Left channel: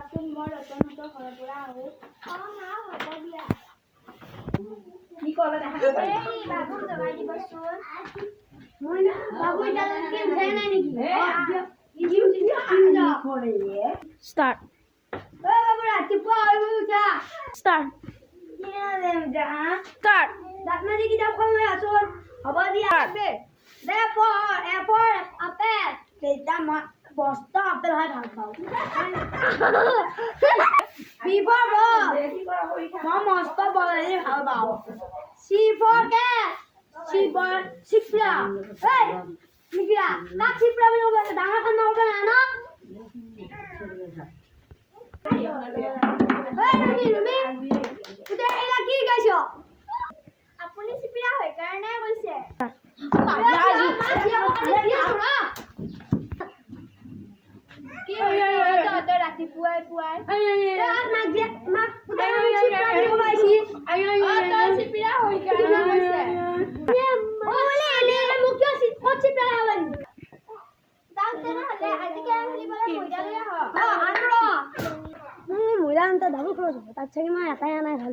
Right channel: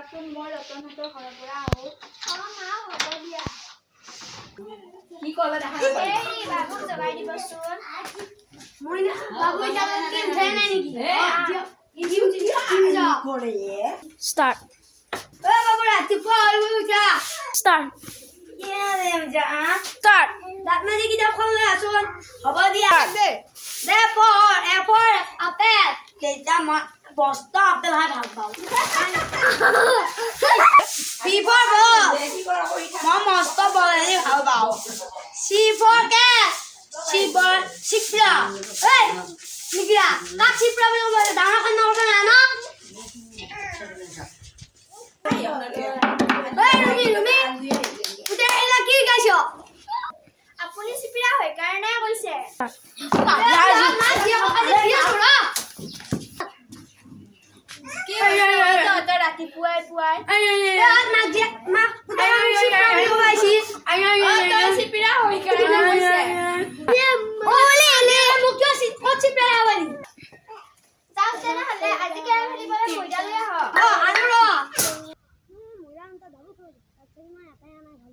যোৱাচোন মই ৰতনহঁতৰ ঘৰৰ পৰা আহোঁ। মা হ'ব দিয়া। কি কলা দেখা এই বাবুক জগাই দিবচোন। মই বাবু এতিয়া উঠে নাই নেকি? স্টার্ট বাবু ৰাতিপুৱা উঠা। স্টার্ট স্টার্ট দাঁত মাজি কিতাপ খন লৈ আছোন। হ'ব দিয়া। দে পঢ় এপৰ আপেল। তেতিয়া মই বস্ত আপেল খাই ভাল পাওঁ। B for ball. মই মস্ত বল খাই ভাল পাওঁ। C for cat. C for চিপৰা। এই চিপৰা কাক চিপৰা বুলি ক'ব ডাঙৰ খান নকৰিব না ন? আপুনি চিপিৰা হয় কাৰণে কৈছে। ৰাতিপুৱাই পুৱাই চিপিৰা হয় কাৰণে কৈছে। মহিলা তাত চাগে মই এটাই আনাই ভাল